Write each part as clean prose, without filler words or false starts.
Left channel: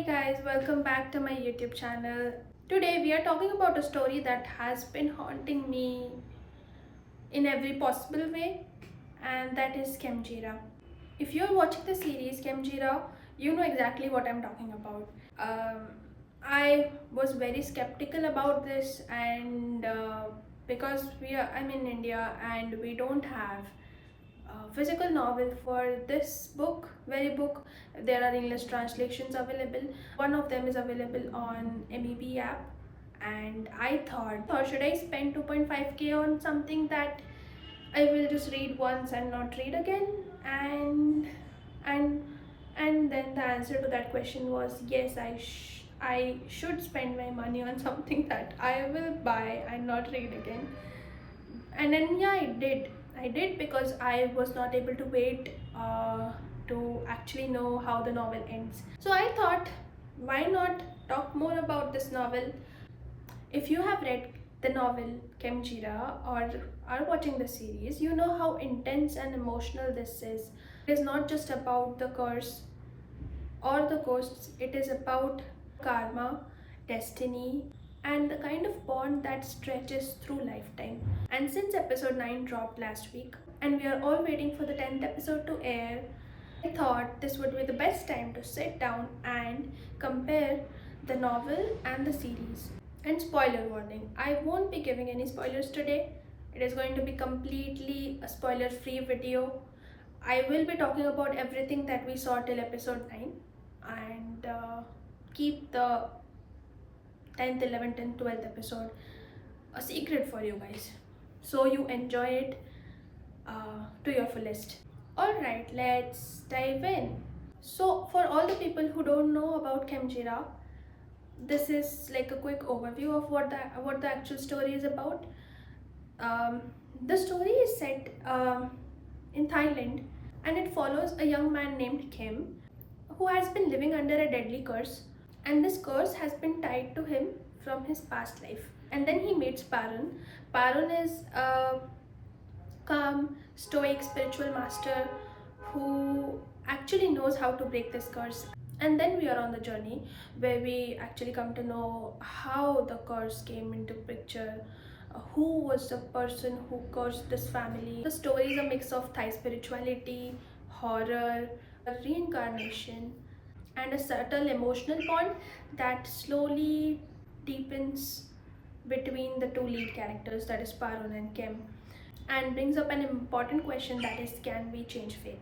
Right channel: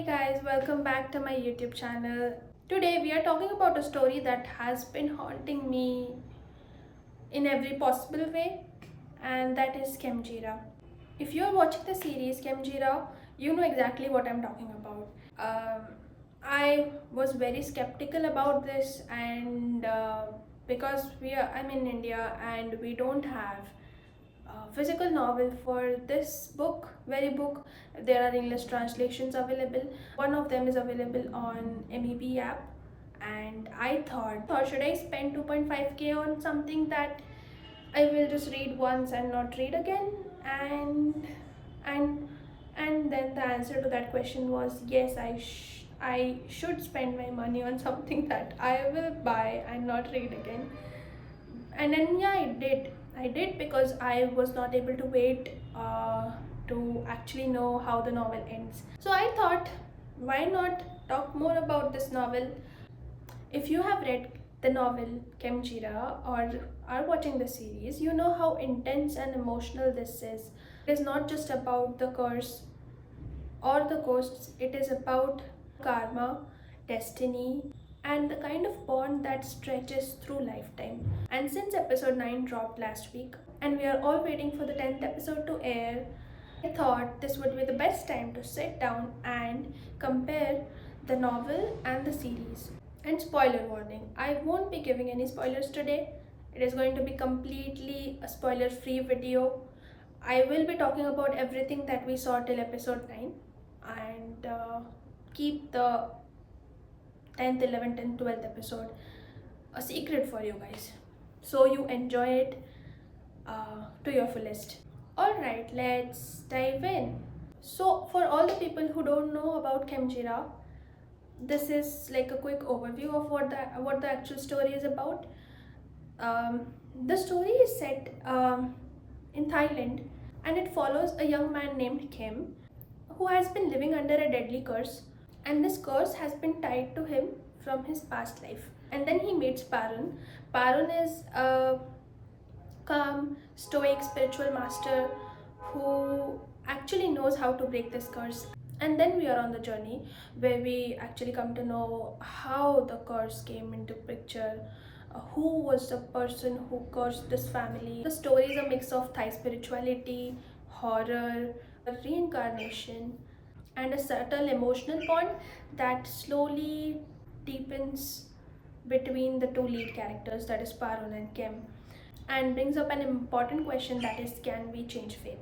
Hey guys, welcome back to my YouTube channel. Today we are talking about a story that has been haunting me in every possible way, and that is Khemjira. If you're watching the series Khemjira, you know exactly what I'm talking about. Um, I was very skeptical about this, and because I'm in India and we don't have physical novel for this very book. There are English translations available. One of them is available on MEB app, and I thought should I spend 2.5k on something that I will just read once and not read again? And and then the answer to that question was yes, I should spend my money on something that I will buy and not read again. And then yeah, I did because I was not able to wait to actually know how the novel ends. So I thought, why not talk more about this novel? If you have read the novel Khemjira or are watching the series, you know how intense and emotional this is. It is not just about the curse or the ghosts, it is about karma, destiny, and the kind of bond that stretches through lifetime. And since episode 9 dropped last week, and we are all waiting for the 10th episode to air, I thought this would be the best time to sit down and compare the novel and the series. And spoiler warning, I won't be giving any spoilers today. It is going to be completely a spoiler free video. I will be talking about everything that we saw till episode 9 and keep the 10th, 11th, and 12th episode a secret for you guys, so you enjoy it to your fullest. Alright, let's dive in. So, for all the people who don't know about Khemjira, this is like a quick overview of what the actual story is about. The story is set in Thailand, and it follows a young man named Kim who has been living under a deadly curse, and this curse has been tied to him from his past life. And then he meets Parun. Parun is a calm, stoic spiritual master who actually knows how to break this curse. And then we are on the journey where we actually come to know how the curse came into picture, who was the person who cursed this family. The story is a mix of Thai spirituality, horror, reincarnation, and a subtle emotional bond that slowly deepens between the two lead characters, that is Parun and Kim, and brings up an important question, that is, can we change faith?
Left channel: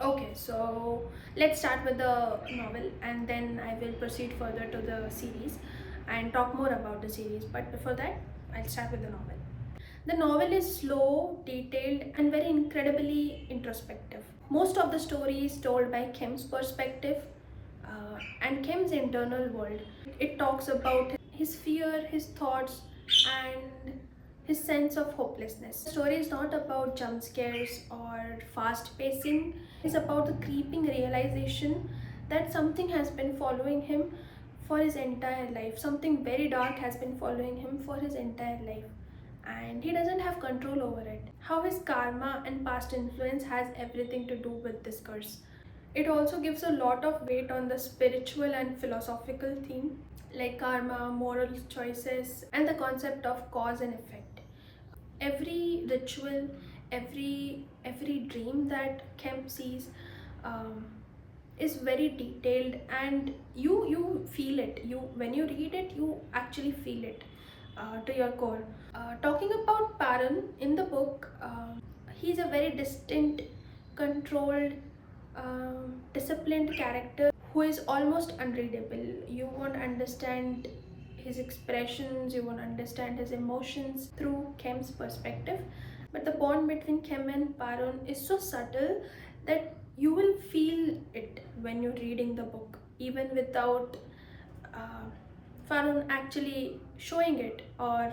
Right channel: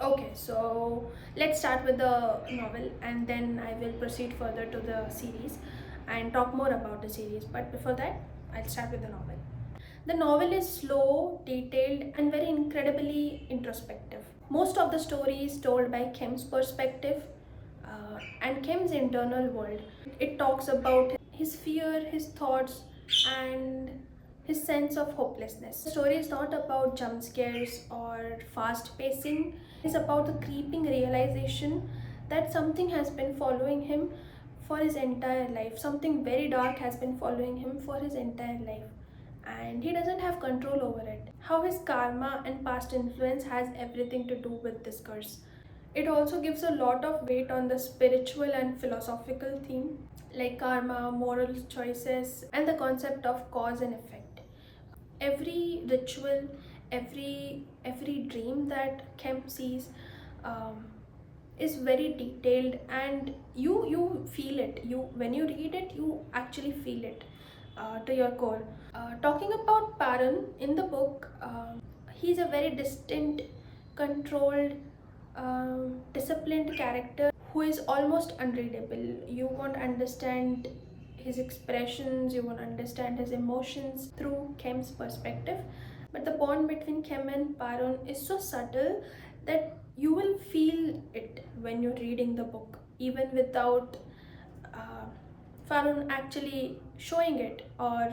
Okay, so let's start with the novel and then I will proceed further to the series and talk more about the series. But before that, I'll start with the novel. The novel is slow, detailed, and very incredibly introspective. Most of the story is told by Kim's perspective and Kim's internal world. It talks about his fear, his thoughts, and his sense of hopelessness. The story is not about jump scares or fast pacing. It's about the creeping realization that something has been following him for his entire life. Something very dark has been following him for his entire life, and he doesn't have control over it. How his karma and past influence has everything to do with this curse. It also gives a lot of weight on the spiritual and philosophical theme, like karma, moral choices, and the concept of cause and effect. Every ritual, every dream that Kemp sees um, is very detailed, and you feel it. You when you read it, you actually feel it to your core. Talking about Paran in the book, he's a very distant, controlled, disciplined character who is almost unreadable. You won't understand his expressions, you won't understand his emotions through Kem's perspective. But the bond between Kem and Parun is so subtle that you will feel it when you're reading the book, even without uh, Farun actually showing it or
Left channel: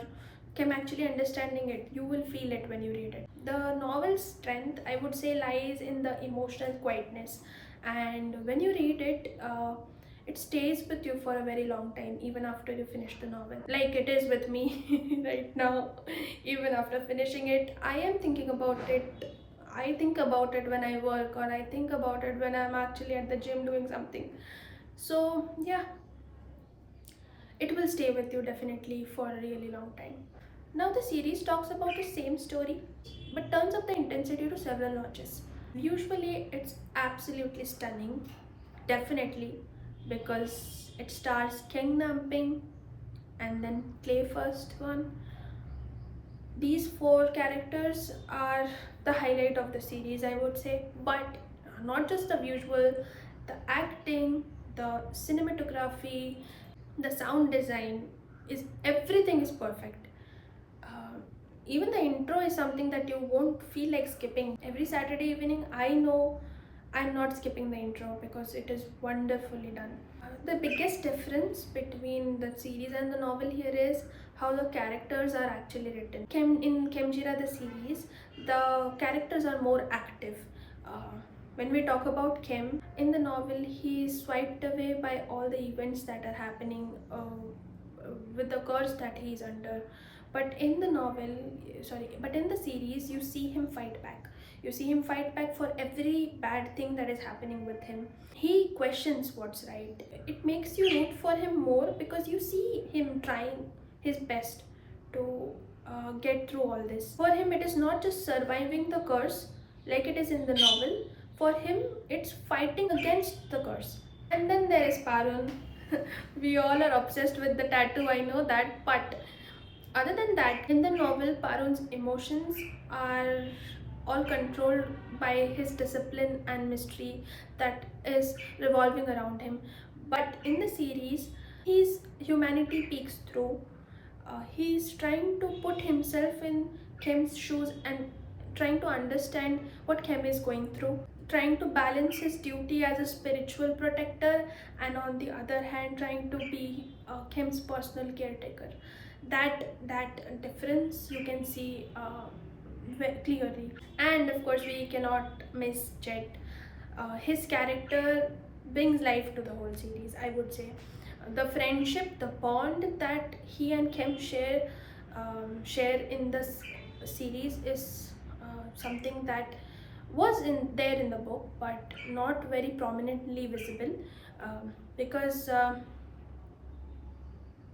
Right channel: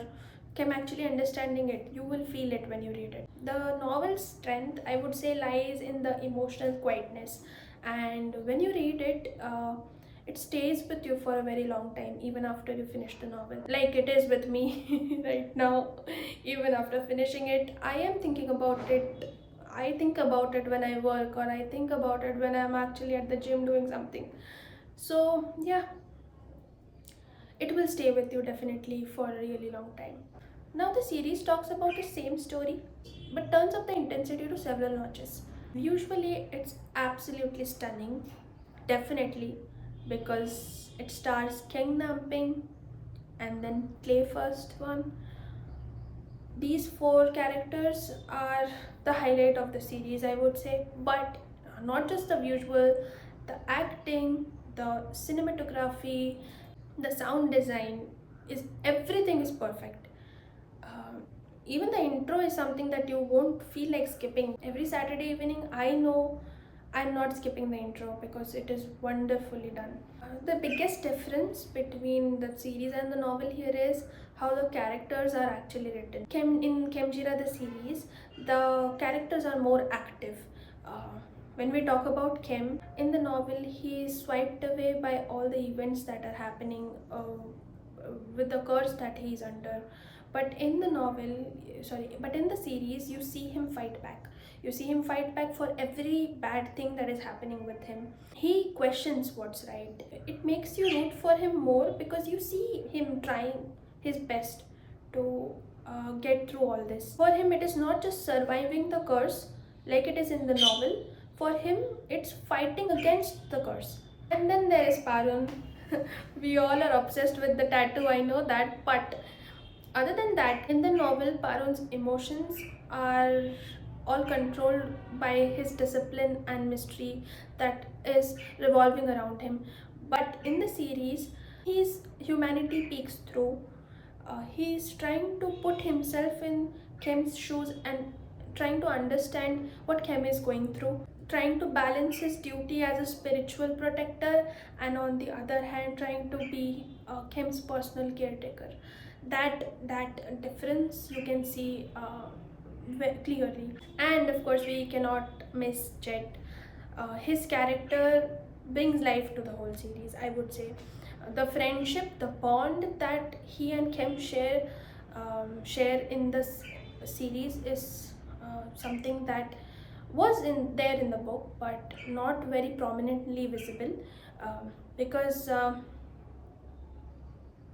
Kem actually understanding it. You will feel it when you read it. The novel's strength, I would say, lies in the emotional quietness, and when you read it, it stays with you for a very long time, even after you finish the novel, like it is with me right now. Even after finishing it, I am thinking about it. I think about it when I work, or I think about it when I'm actually at the gym doing something. So yeah, it will stay with you definitely for a really long time. Now the series talks about the same story but turns up the intensity to several notches. Usually it's absolutely stunning, definitely, because it stars King Namping and then Clay first one. These four characters are the highlight of the series, I would say, but not just the visual, the acting, the cinematography, the sound design, is everything is perfect. um, Even the intro is something that you won't feel like skipping. Every Saturday evening, I know I'm not skipping the intro because it is wonderfully done. The biggest difference between the series and the novel here is how the characters are actually written. In Khemjira, the series, the characters are more active. When we talk about Khem, in the novel, he is swiped away by all the events that are happening with the curse that he is under. But in the but in the series, you see him fight back. You see him fight back for every bad thing that is happening with him. He questions what's right. It makes you root for him more because you see him trying his best to get through all this. For him, it is not just surviving the curse like it is in the novel. For him, it's fighting against the curse. And then there is Parun. We all are obsessed with the tattoo, I know that, but other than that, in the novel, Parun's emotions are all controlled by his discipline and mystery that is revolving around him. But in the series, his humanity peeks through. He's trying to put himself in Kem's shoes and trying to understand what Kem is going through, trying to balance his duty as a spiritual protector, and on the other hand, trying to be Kem's personal caretaker. That difference you can see clearly. And of course, we cannot miss Jet. His character brings life to the whole series, I would say. The friendship, the bond that he and Kim share in this series is something that was in there in the book, but not very prominently visible, because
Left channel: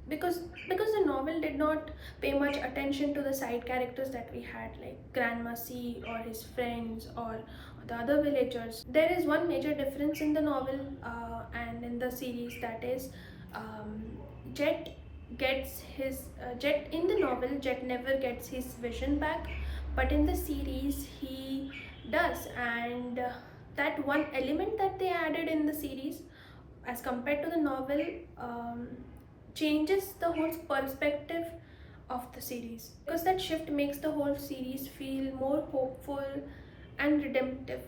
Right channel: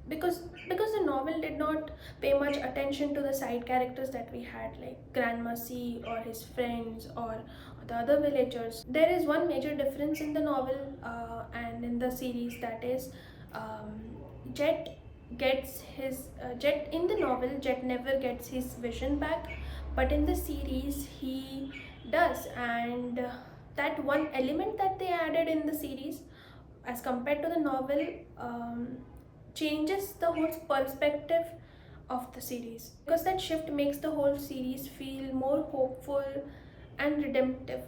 because the novel did not pay much attention to the side characters that we had, like Grandma C or his friends or the other villagers. There is one major difference in the novel and in the series, that is, um, Jet gets his Jet in the novel, Jet never gets his vision back, but in the series he does. And that one element that they added in the series as compared to the novel changes the whole perspective of the series, because that shift makes the whole series feel more hopeful and redemptive.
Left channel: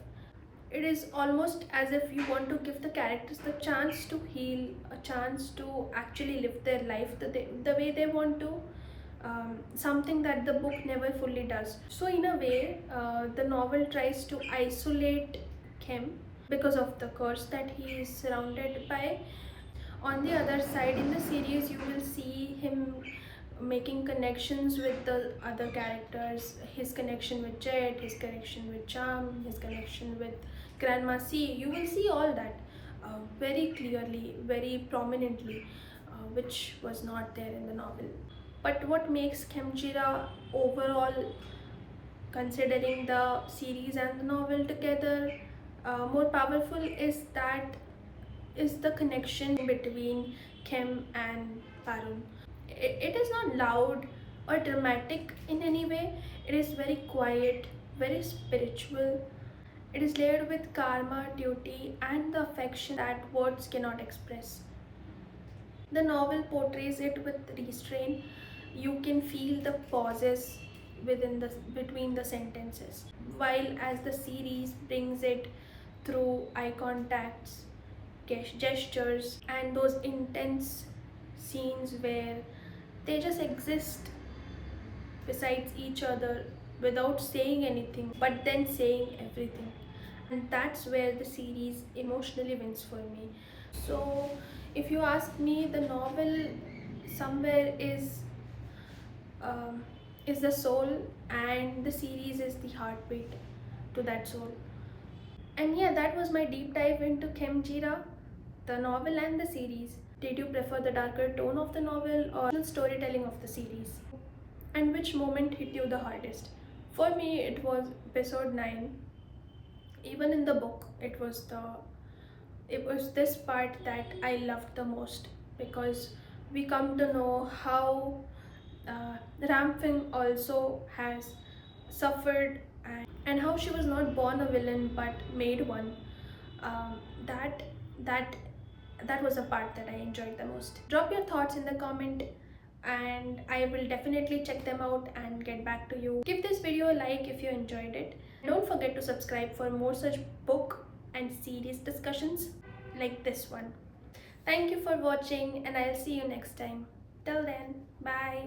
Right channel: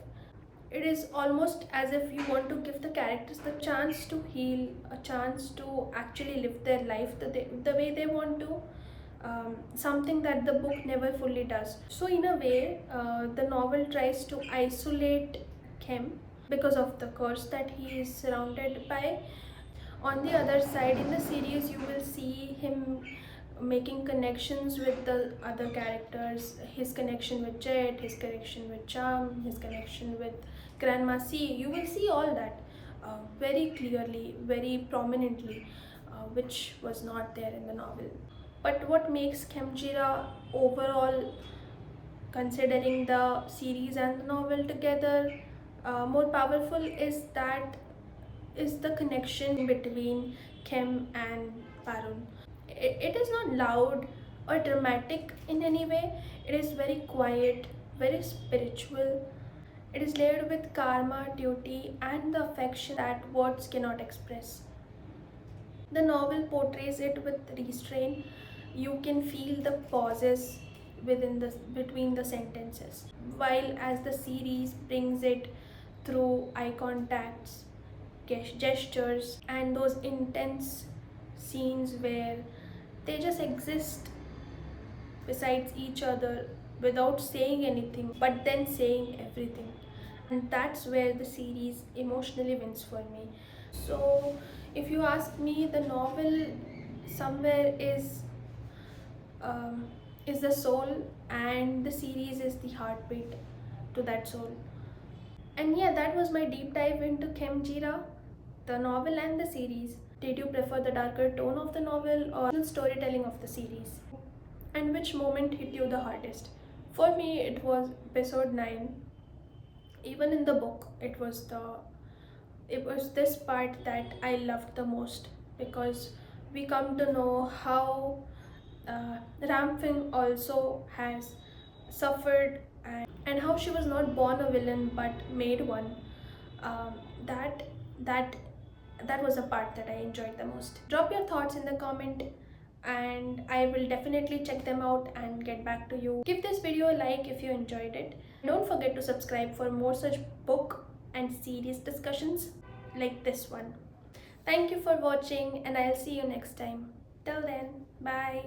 It is almost as if you want to give the characters the chance to heal, a chance to actually live their life the way they want to, something that the book never fully does. So in a way, the novel tries to isolate him because of the curse that he is surrounded by. On the other side, in the series, you will see him making connections with the other characters, his connection with Jet, his connection with Charm, his connection with Grandma C. You will see all that very clearly, very prominently, which was not there in the novel. But what makes Khemjira overall, considering the series and the novel together, more powerful, is the connection between Khem and Parun. It is not loud or dramatic in any way. It is very quiet, very spiritual. It is layered with karma, duty, and the affection that words cannot express. The novel portrays it with restraint. You can feel the pauses within the between the sentences, while as the series brings it through eye contacts, gestures, and those intense scenes where they just exist besides each other without saying anything, but then saying everything. And that's where the series emotionally wins for me. So, if you ask me, the novel somewhere um, is the soul, and the series is the heartbeat to that soul. And yeah, that was my deep dive into Khemjira. the novel and the series? Did you prefer the darker tone of the novel or the storytelling of the series? And which moment hit you the hardest? For me, it was episode 9. Even in the book, it was this part that I loved the most, because we come to know how Ramfin also has suffered, and how she was not born a villain but made one. Um, that that that was a part that I enjoyed the most. Drop your thoughts in the comment and I will definitely check them out and get back to you. Give this video a like if you enjoyed it. Don't forget to subscribe for more such book and series discussions like this one. Thank you for watching and I'll see you next time. Till then, bye.